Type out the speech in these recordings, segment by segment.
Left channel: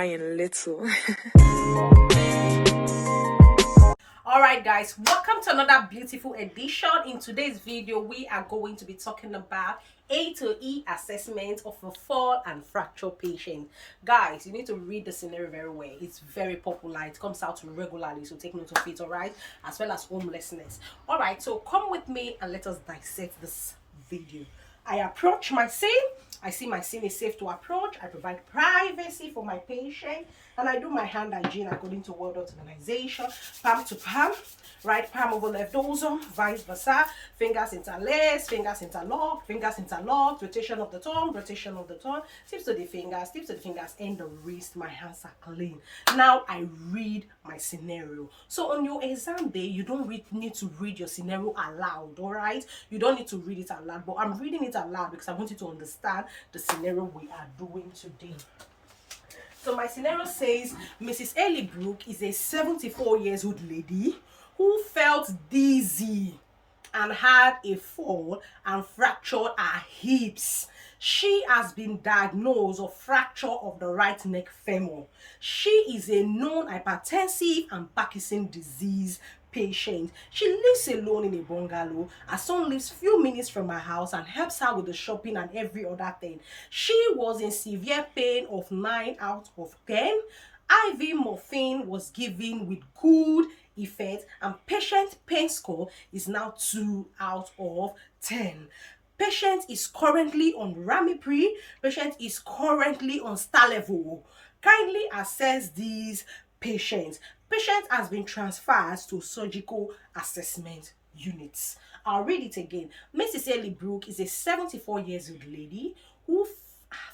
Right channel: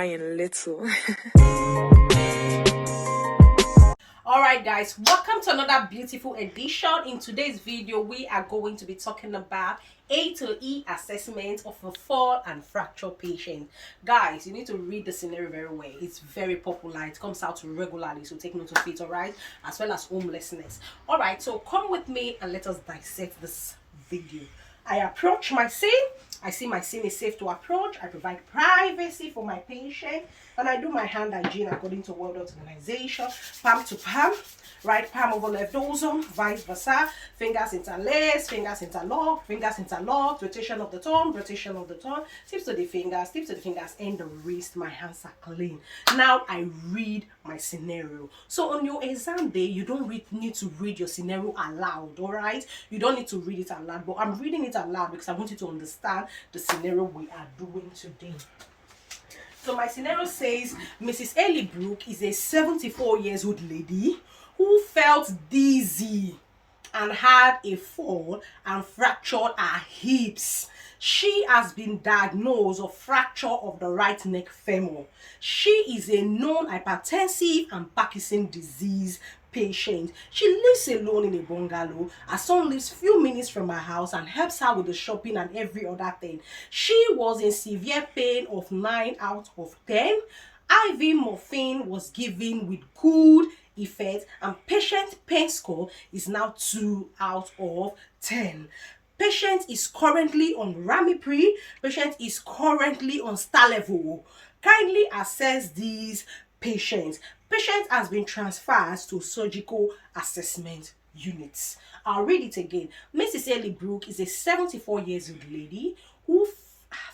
crying little. Alright guys, welcome to another beautiful edition. In today's video, we are going to be talking about A to E assessment of a fall and fracture patient. Guys, you need to read the scenario very well. It's very popular. It comes out regularly, so take note of it, alright? As well as homelessness. Alright, so come with me and let us dissect this video. I approach my scene. I see my scene is safe to approach. I provide privacy for my patient. And I do my hand hygiene according to World Health Organization. Palm to palm. Right palm over left dorsum. Vice versa. Fingers interlaced. Fingers interlocked. Fingers interlocked. Rotation of the thumb. Rotation of the thumb. Tips to the fingers. Tips to the fingers. And the wrist. My hands are clean. Now I read my scenario. So on your exam day, you don't need to read your scenario aloud. Alright? You don't need to read it aloud. But I'm reading it aloud because I want you to understand the scenario we are doing today. So my scenario says Mrs. Ellie Brooke is a 74-year-old lady who felt dizzy and had a fall and fractured her hips. She has been diagnosed of fracture of the right neck femur. She is a known hypertensive and Parkinson's disease patient. She lives alone in a bungalow. Her son lives few minutes from her house and helps her with the shopping and every other thing. She was in severe pain of 9 out of 10. IV morphine was given with good effect and patient pain score is now 2 out of 10. Patient is currently on Ramipri. Patient is currently on Stalevo. Kindly assess these patients. Patient has been transferred to surgical assessment units. I'll read it again. Mrs. Ellie Brooke is a 74-year-old lady who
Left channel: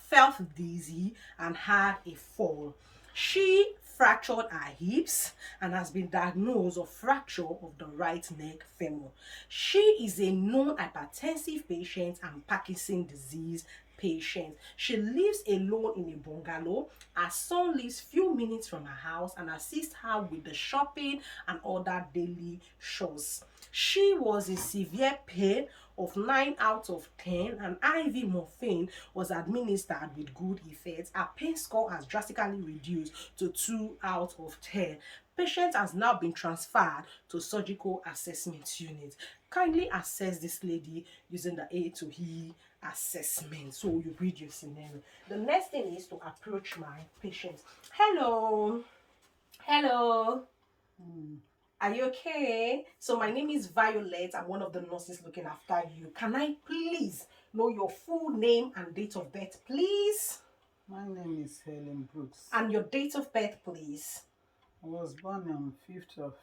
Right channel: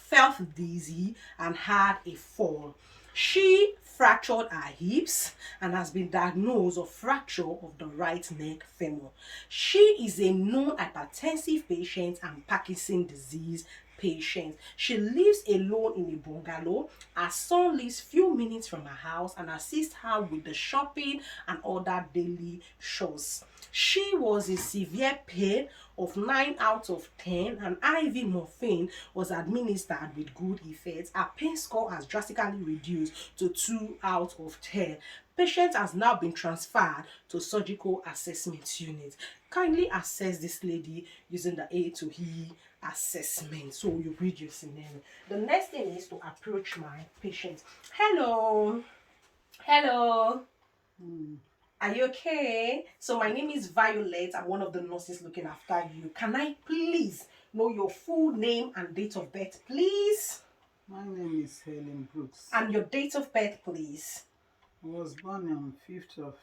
felt dizzy and had a fall. She fractured her hips and has been diagnosed of fracture of the right neck femur. She is a known hypertensive patient and Parkinson's disease patient. She lives alone in a bungalow. Her son lives few minutes from her house and assists her with the shopping and other daily chores. She was in severe pain of 9 out of 10 and IV morphine was administered with good effect. Her pain score has drastically reduced to 2 out of 10. Patient has now been transferred to surgical assessment unit. Kindly assess this lady using the A to E assessment. So you read your scenario. The next thing is to approach my patient. Hello. Hello. Are you okay? So my name is Violet. I'm one of the nurses looking after you. Can I please know your full name and date of birth, please? My name is Helen Brooks. And your date of birth, please. I was born on 5th of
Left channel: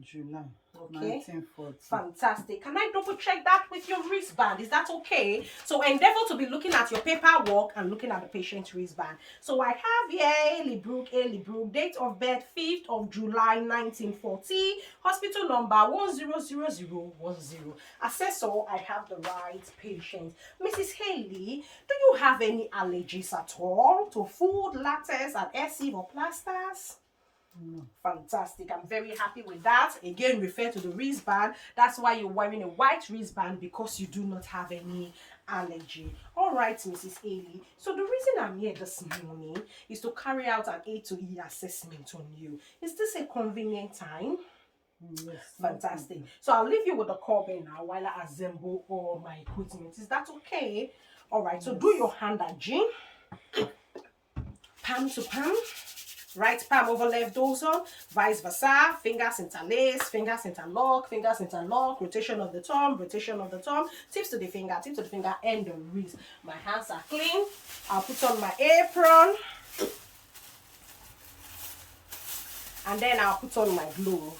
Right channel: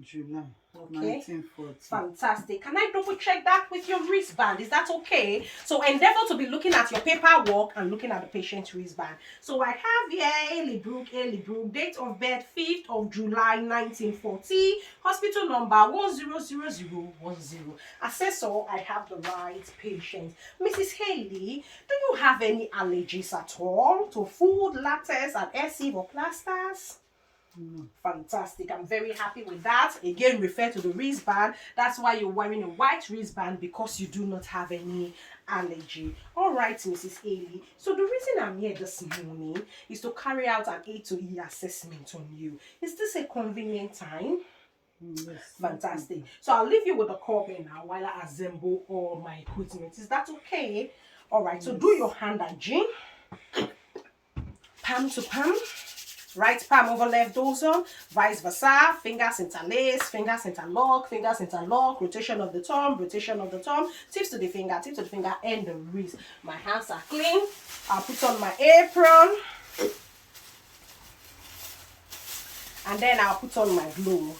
July, Okay. 1940. Fantastic. Can I double check that with your wristband? Is that okay? So endeavor to be looking at your paperwork and looking at the patient's wristband. So I have here Ellie Brooke, date of birth 5th of July 1940, hospital number 100010. Assessor, I have the right patient. Mrs. Haley, do you have any allergies at all to food, latex, adhesive or plasters? Fantastic. I'm very happy with that. Again, refer to the wristband. That's why you're wearing a white wristband, because you do not have any allergy. All right, Mrs. Haley. So the reason I'm here this morning is to carry out an A to E assessment on you. Is this a convenient time? Yes. Fantastic. So I'll leave you with the carbon now while I assemble all my equipment. Is that okay? All right. So do your hand hygiene. Palm to palm. Right palm over left dorsum, vice versa, fingers interlaced, fingers interlock, rotation of the thumb, tips to the finger, and the wrist. My hands are clean. I'll put on my apron. And then I'll put on my glove.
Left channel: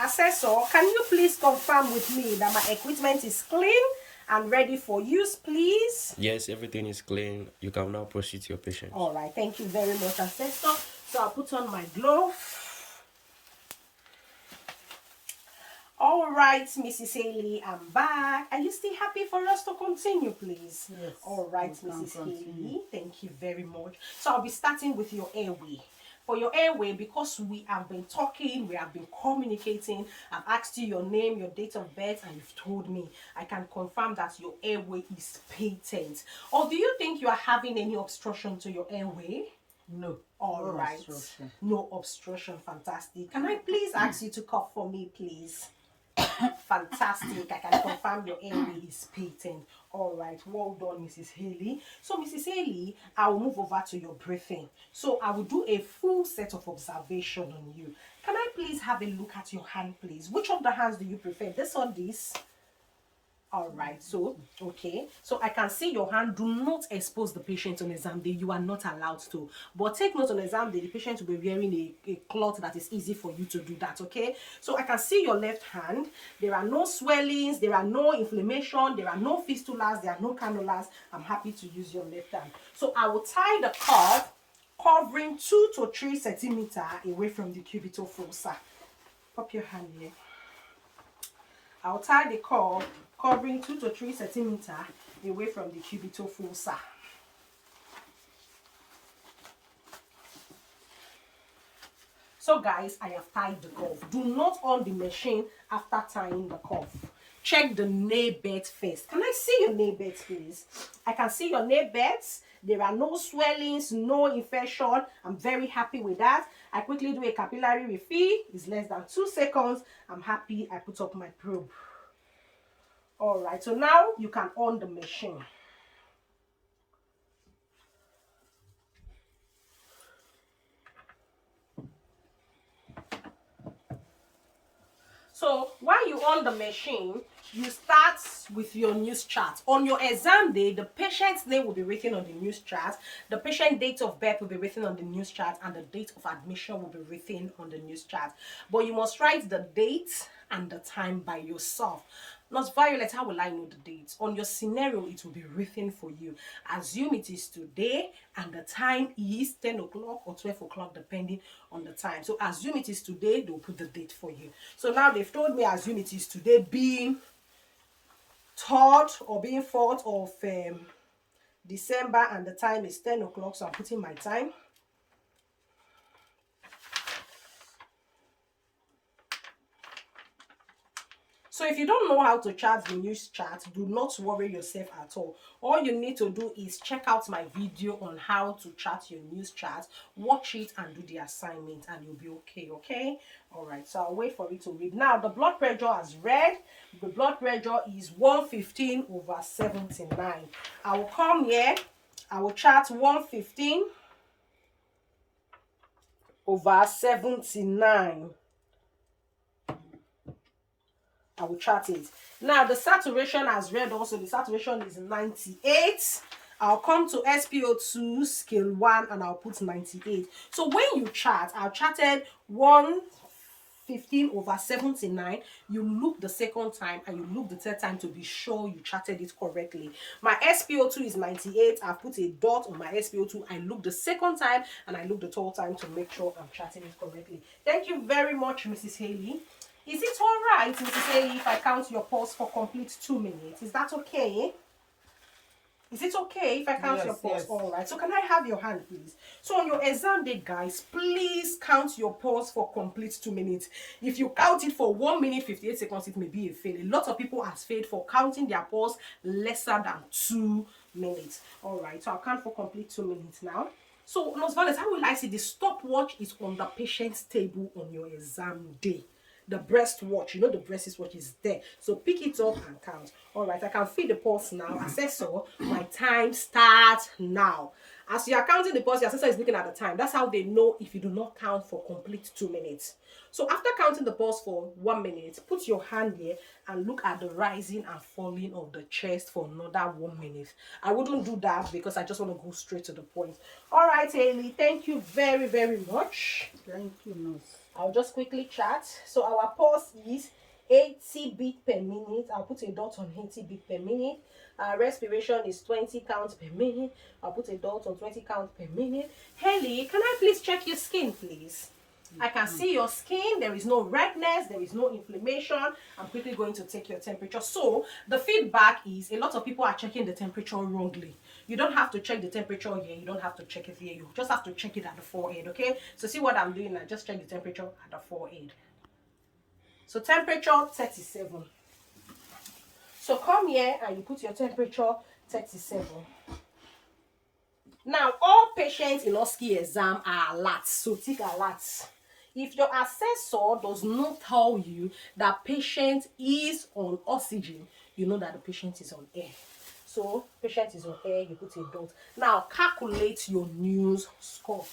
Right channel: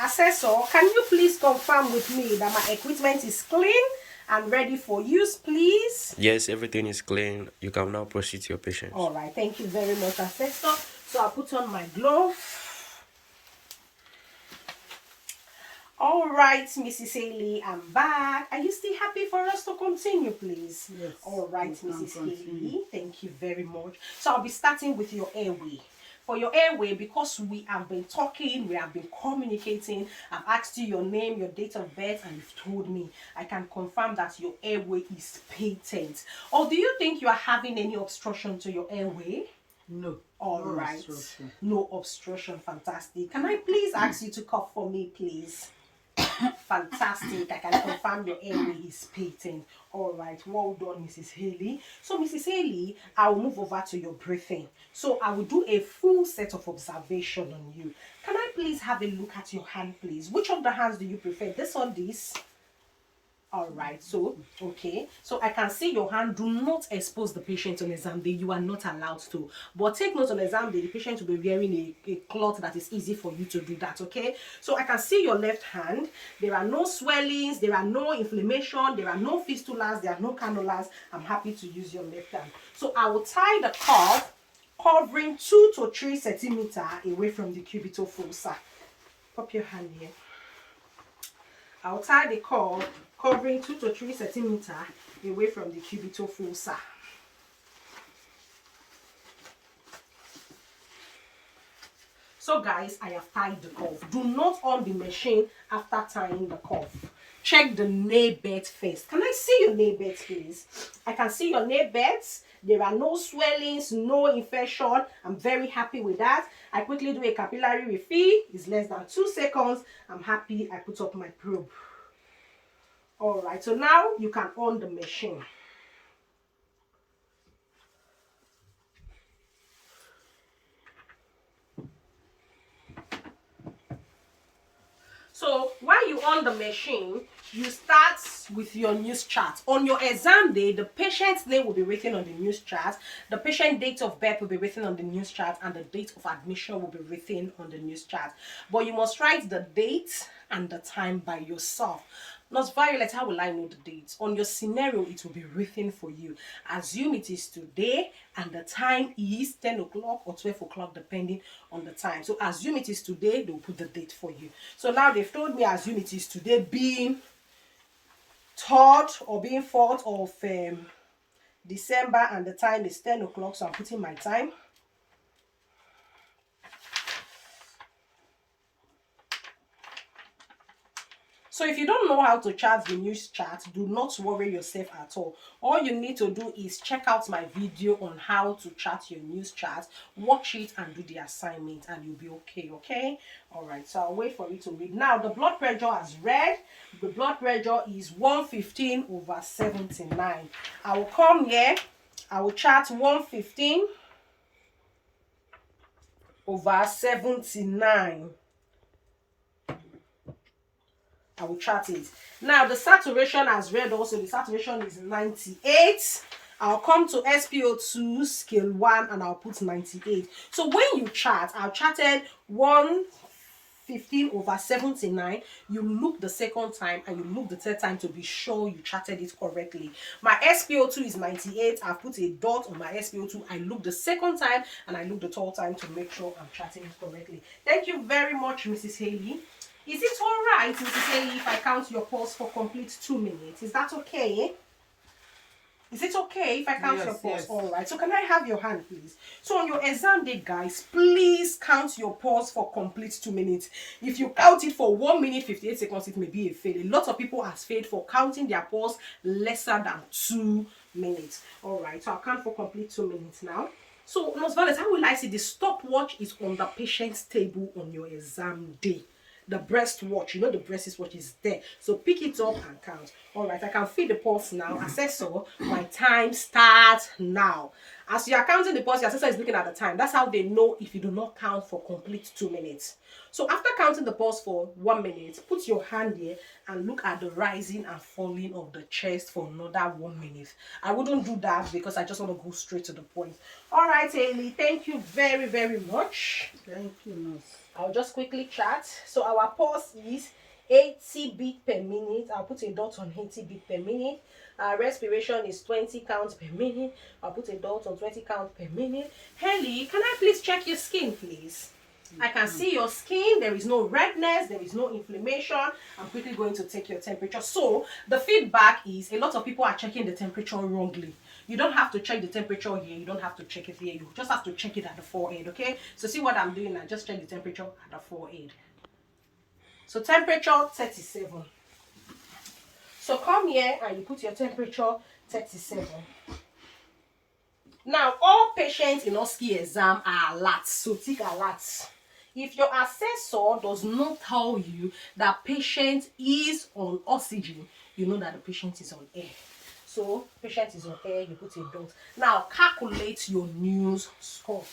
Assessor, can you please confirm with me that my equipment is clean and ready for use, please? Yes, everything is clean. You can now proceed to your patient. All right, thank you very much, Assessor. So I'll put on my glove. All right, Mrs. Haley, I'm back. Are you still happy for us to continue, please? Yes. All right, Mrs. Haley, thank you very much. So I'll be starting with your airway. For your airway, because we have been talking, we have been communicating, I've asked you your name, your date of birth, and you've told me, I can confirm that your airway is patent. Or do you think you are having any obstruction to your airway? No. All no right. obstruction. No obstruction. Fantastic. Can I please ask you to cough for me, please? Fantastic. I can confirm your airway is patent. All right. Well done, Mrs. Haley. So, Mrs. Haley, I will move over to your breathing. So, I will do a full set of observation on you. Can I please have a look at your hand, please? Which of the hands do you prefer? This or this? All right, so okay, so I can see your hand. Do not expose the patient on exam day. You are not allowed to, but take note, on exam day the patient will be wearing a cloth that is easy for you to do that. Okay, so I can see your left hand. There are no swellings, there are no inflammation, there are no fistulas, there are no cannulas. I'm happy to use your left hand. So I will tie the cuff covering 2 to 3 centimeters away from the cubital fossa. Pop your hand here. I'll tie the cord covering 2 to 3 centimeters away from the cubital fossa. So guys, I have tied the cuff. Do not on the machine after tying the cuff. Check the nail bed first. Can I see your nail beds, please? I can see your nail beds. There are no swellings, no infection. I'm very happy with that. I quickly do a capillary refill. It's less than 2 seconds. I'm happy. I put up my probe. All right, so now you can on the machine. So while you on the machine, you start with your news chart. On your exam day, the patient's name will be written on the news chart, the patient date of birth will be written on the news chart, and the date of admission will be written on the news chart. But you must write the date and the time by yourself. Nurse Violet, how will I know the date? On your scenario, it will be written for you. Assume it is today and the time is 10 o'clock or 12 o'clock, depending on the time. So assume it is today, they'll put the date for you. So now they've told me assume it is today, being 3rd or being 4th of December, and the time is 10 o'clock. So I'm putting my time. So if you don't know how to chart the news chart, do not worry yourself at all. All you need to do is check out my video on how to chart your news chart, watch it and do the assignment, and you'll be okay, okay? All right, so I'll wait for it to read. Now, the blood pressure has read. The blood pressure is 115/79. I will come here. I will chart 115/79. I will chart it. Now, the saturation has read also. The saturation is 98. I'll come to SpO2 scale 1 and I'll put 98. So when you chart, I've charted 115/79. You look the second time and you look the third time to be sure you charted it correctly. My SpO2 is 98. I've put a dot on my SpO2. I look the second time and I look the third time to make sure I'm charting it correctly. Thank you very much, Mrs. Haley. Is it all right, Mrs. Haley, if I count your pulse for complete 2 minutes? Is that okay? Is it okay if I count your pulse? Yes. All right. So can I have your hand, please? So on your exam day, guys, please count your pulse for complete 2 minutes. If you count it for 1 minute 58 seconds, it may be a fail. A lot of people has failed for counting their pulse lesser than 2 minutes. All right. So I'll count for complete 2 minutes now. So, Nurse Violet, how will I see the stopwatch is on the patient's table on your exam day? The breast watch, you know, the breast watch is there, so pick it up and count. All right, I can feel the pulse now. Assessor, my time starts now. As you are counting the pulse, the assessor is looking at the time. That's how they know if you do not count for complete 2 minutes. So after counting the pulse for 1 minute, put your hand here and look at the rising and falling of the chest for another 1 minute. I wouldn't do that because I just want to go straight to the point. All right, Haley, thank you very, very much. Thank you, nurse. I'll just quickly chart. So our pulse is 80 beats per minute. I'll put a dot on 80 beats per minute. Our respiration is 20 counts per minute. I'll put a dot on 20 counts per minute. Haley, can I please check your skin, please? I can see your skin. There is no redness. There is no inflammation. I'm quickly going to take your temperature. So the feedback is a lot of people are checking the temperature wrongly. You don't have to check the temperature here. You don't have to check it here. You just have to check it at the forehead, okay? So see what I'm doing now. Just check the temperature at the forehead. So temperature 37. So come here and you put your temperature 37. Now, all patients in Osce exam are alert, so take alert. If your assessor does not tell you that patient is on oxygen, you know that the patient is on air. So, patient is on air, you put a dot. Now, calculate your news score.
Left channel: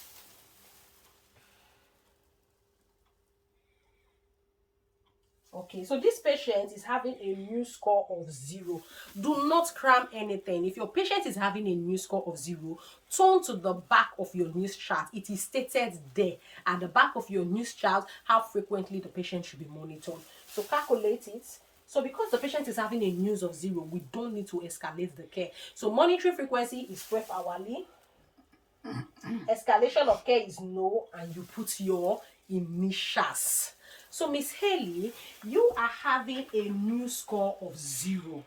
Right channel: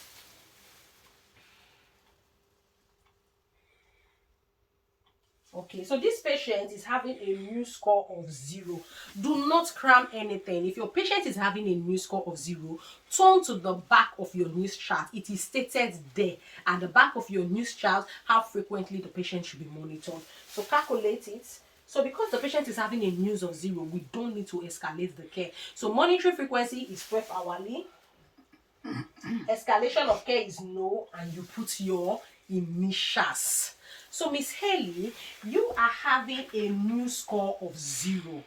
Okay, so this patient is having a new score of 0. Do not cram anything. If your patient is having a new score of 0, turn to the back of your news chart. It is stated there at the back of your news chart how frequently the patient should be monitored. So calculate it. So because the patient is having a news of 0, we don't need to escalate the care. So monitoring frequency is 12 hourly. Escalation of care is no, and you put your initials. So Miss Haley, you are having a new score of 0.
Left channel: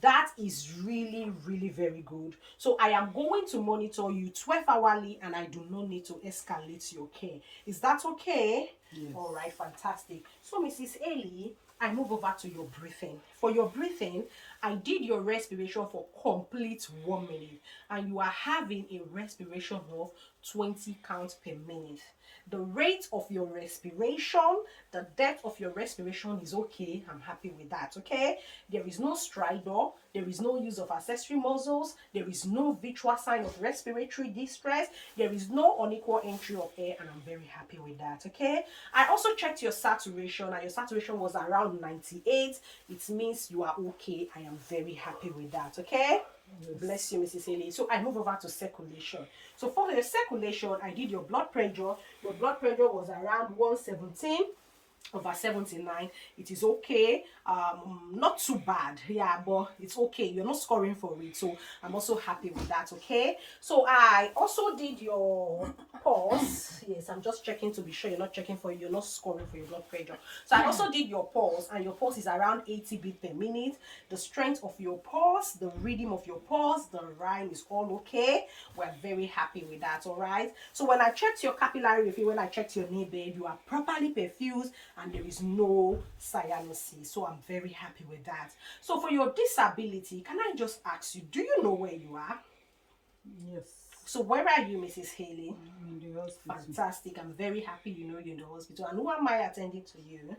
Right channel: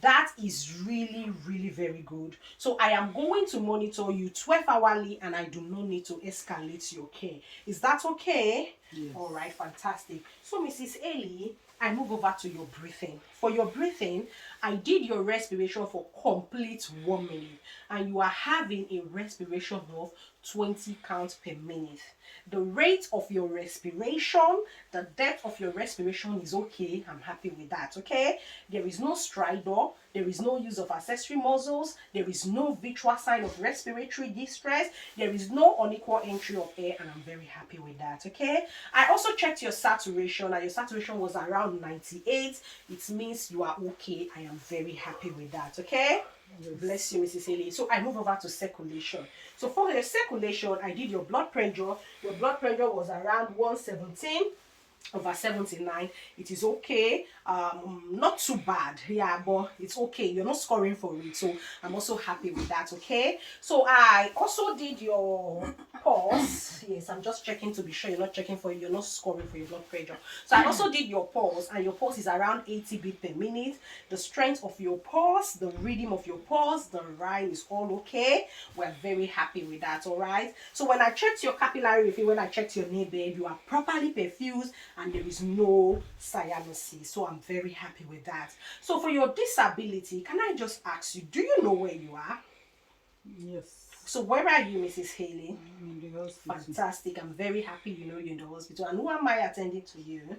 That is really, really very good. So I am going to monitor you 12 hourly, and I do not need to escalate your care. Is that okay? Yes. All right, fantastic. So Mrs. Haley, I move over to your breathing. For your breathing, I did your respiration for complete 1 minute, and you are having a respiration of 20 counts per minute. The rate of your respiration, the depth of your respiration is okay. I'm happy with that, okay? There is no stridor. There is no use of accessory muscles. There is no visual sign of respiratory distress. There is no unequal entry of air, and I'm very happy with that, okay? I also checked your saturation, and your saturation was around 98. It means you are okay. I am very happy with that, okay? Yes. Bless you, Mrs. Haley. So I move over to circulation. So for your circulation, I did your blood pressure. Your blood pressure was around 117/79. It is okay. Not too bad, yeah, but it's okay. You're not scoring for it, so I'm also happy with that, okay? So I also did your pulse. Yes, I'm just checking to be sure you're not scoring for your blood pressure. So I also did your pulse, and your pulse is around 80 beats per minute. The strength of your pulse, the rhythm of your pulse, the rhyme is all okay. We're very happy with that, all right? So when I checked your capillary refill, when I checked your neighbor, you are properly perfused, and there is no cyanosis. So I'm very happy with that. So for your disability, can I just ask you, do you know where you are? Yes. So where are you, Mrs. Haley? In the hospital. Fantastic. I'm very happy you know you're in the hospital. And who am I attending to you?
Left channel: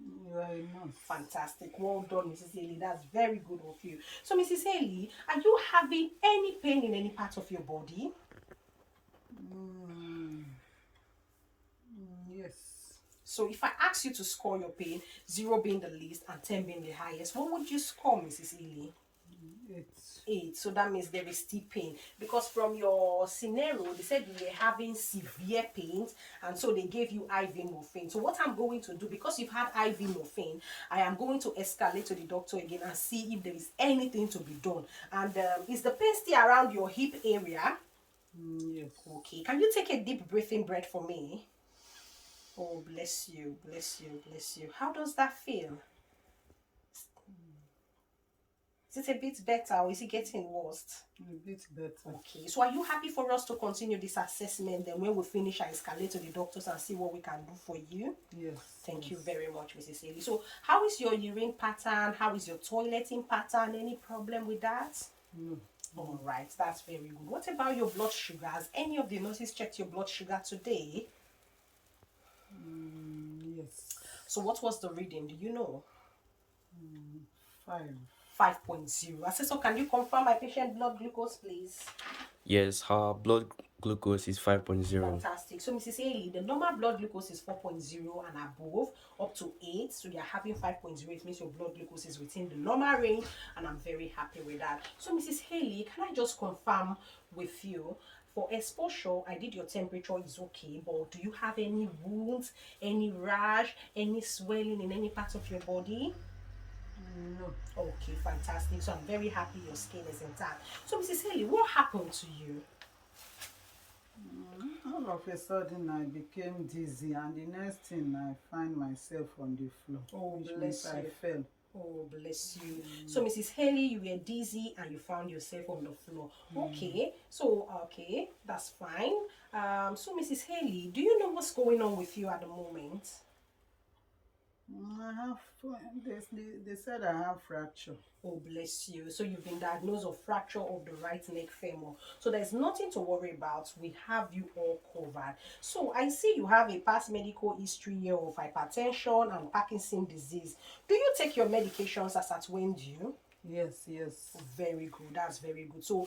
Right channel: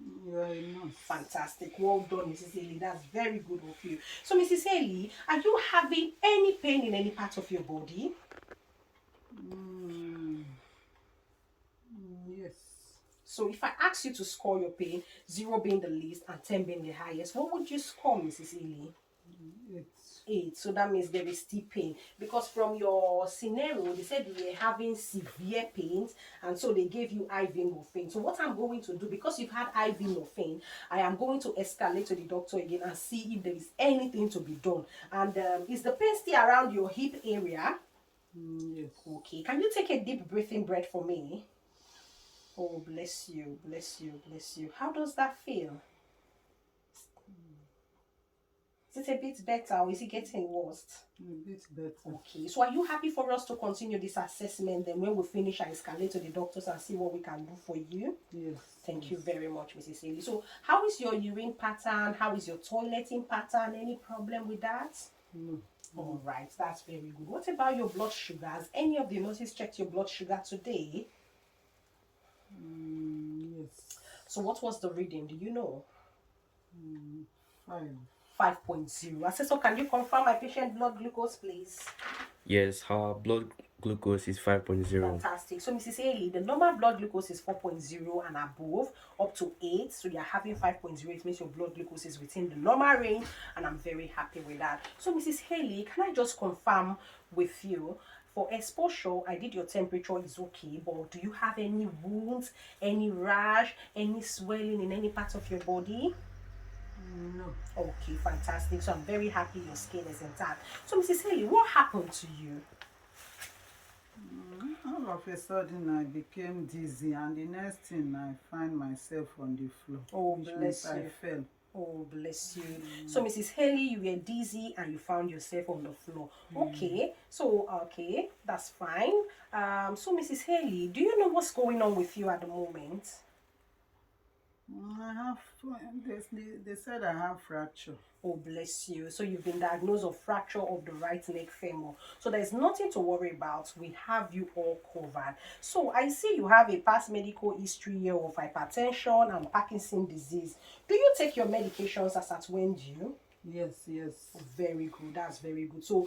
You are a nurse. Fantastic. Well done, Mrs. Haley. That's very good of you. So Mrs. Haley, are you having any pain in any part of your body? Yes. So if I ask you to score your pain, 0 being the least and 10 being the highest, what would you score, Mrs. Haley? 8. 8. So that means there is still pain, because from your scenario they said you were having severe pains, and so they gave you IV morphine. So what I'm going to do, because you've had IV morphine, I am going to escalate to the doctor again and see if there is anything to be done. And is the pain still around your hip area? Yes. Okay, can you take a deep breathing breath for me? Oh, bless you, bless you, bless you. How does that feel? Is it a bit better, or is it getting worse? A bit better. Okay, so are you happy for us to continue this assessment? Then when we finish, I escalate to the doctors and see what we can do for you. Yes. Thank you very much, Mrs. Haley. So how is your urine pattern? How is your toileting pattern? Any problem with that? No. All right, that's very good. What about your blood sugars? Any of the nurses checked your blood sugar today? Yes. So what was the reading? Do you know? 5. 5.0. Assessor, can you confirm my patient blood glucose, please? Yes, her blood glucose is 5.0. Fantastic. So Mrs. Haley, the normal blood glucose is 4.0 and above, up to 8. So you're having 5.0. It means your blood glucose is within the normal range, and I'm very happy with that. So Mrs. Haley, can I just confirm with you, for exposure, I did your temperature is okay, but do you have any wounds, any rash, any swelling in any part of your body? No. Okay, fantastic. So I'm very happy your skin is intact. So Mrs. Haley, what happened to you? All of a sudden, I became dizzy, and the next thing, I find myself on the floor. Oh, which bless means I you. fell. Oh, bless you. So, Mrs. Haley, you were dizzy and you found yourself on the floor. Okay, so, okay, that's fine. So, Mrs. Haley, do you know what's going on with you at the moment? I have, they said I have fracture. Oh, bless you. So you've been diagnosed of fracture of the right neck femur. So there's nothing to worry about. We have you all covered. So I see you have a past medical history here of hypertension and Parkinson's disease. Do you take your medications as at when due? Yes, yes. Very good. That's very good. So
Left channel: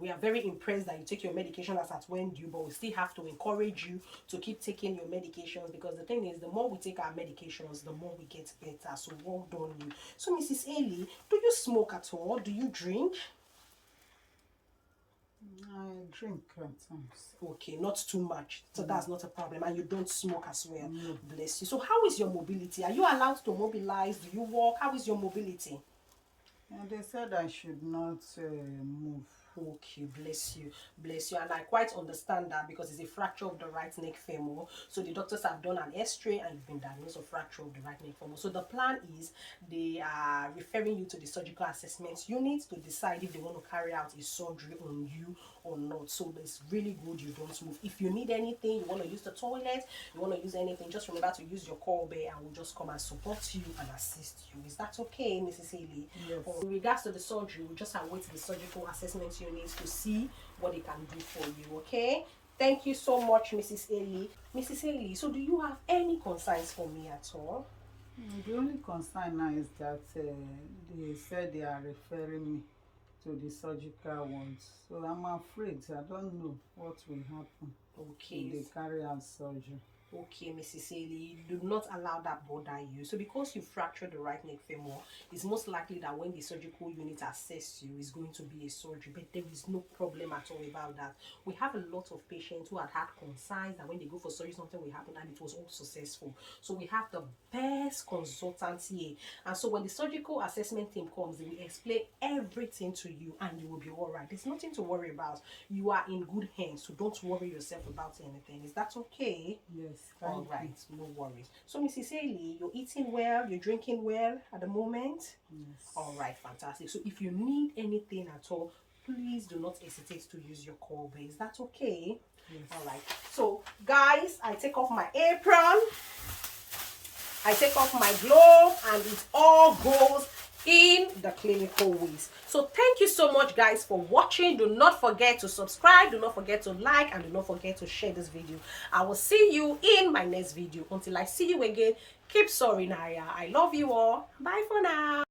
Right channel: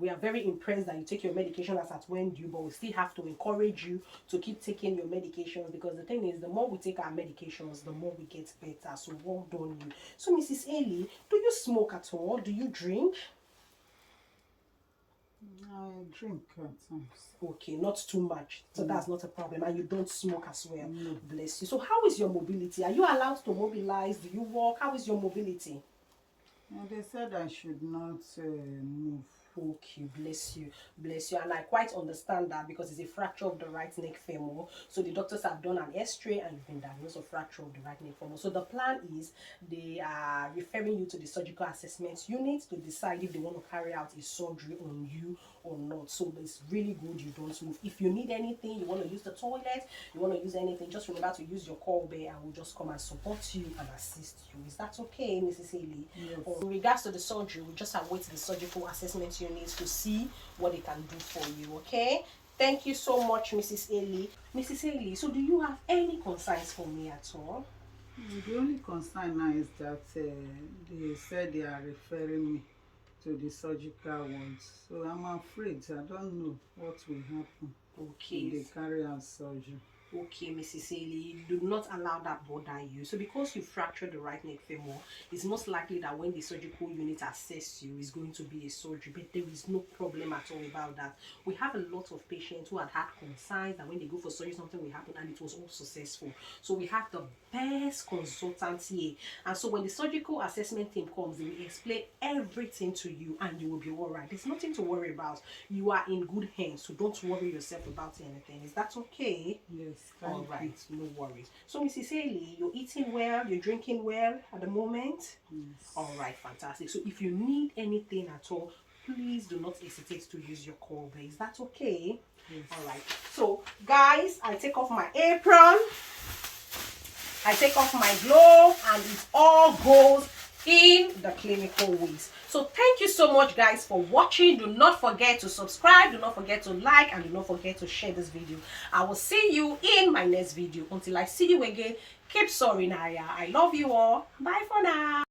we are very impressed that you take your medication as at when due, but we still have to encourage you to keep taking your medications, because the thing is, the more we take our medications, the more we get better. So well done you. So Mrs. Haley, do you smoke at all? Do you drink? I drink at times. Okay, not too much. So that's not a problem. And you don't smoke as well. No. Bless you. So how is your mobility? Are you allowed to mobilize? Do you walk? How is your mobility? And they said I should not move. Okay, bless you, bless you. And I quite understand that, because it's a fracture of the right neck femur. So the doctors have done an x-ray and you've been diagnosed with fracture of the right neck femur. So the plan is they are referring you to the surgical assessment unit to decide if they want to carry out a surgery on you or not. So it's really good you don't move. If you need anything, you want to use the toilet, you want to use anything, just remember to use your call bell and we'll just come and support you and assist you. Is that okay, Mrs. Haley? Yes. In regards to the surgery, we just await the surgical assessment unit to see what they can do for you. Okay, thank you so much, Mrs. Haley. Mrs. Haley, so do you have any concerns for me at all? The only concern now is that they said they are referring me to the surgical ones. So I'm afraid. I don't know what will happen Okay. if they carry out surgery. Okay, Mrs. Haley, do not allow that bother you. So because you fractured the right neck femur, it's most likely that when the surgical unit assess you, it's going to be a surgery, but there is no problem at all about that. We have a lot of patients who had concerns that when they go for surgery, something will happen, and it was all successful. So we have the best consultants here. And so when the surgical assessment team comes, they will explain everything to you and you will be all right. There's nothing to worry about. You are in good hands, so don't worry yourself about anything. Is that okay? Yes. All right, no worries. So, Mrs. Haley, you're eating well, you're drinking well at the moment? Yes. All right, fantastic. So, if you need anything at all, please do not hesitate to use your call bell. Is that okay? Yes. All right. So, guys, I take off my apron, I take off my glove, and it all goes in the clinical ways. So thank you so much, guys, for watching. Do not forget to subscribe, do not forget to like, and do not forget to share this video. I will see you in my next video. Until I see you again, keep soaring higher. I love you all. Bye for now.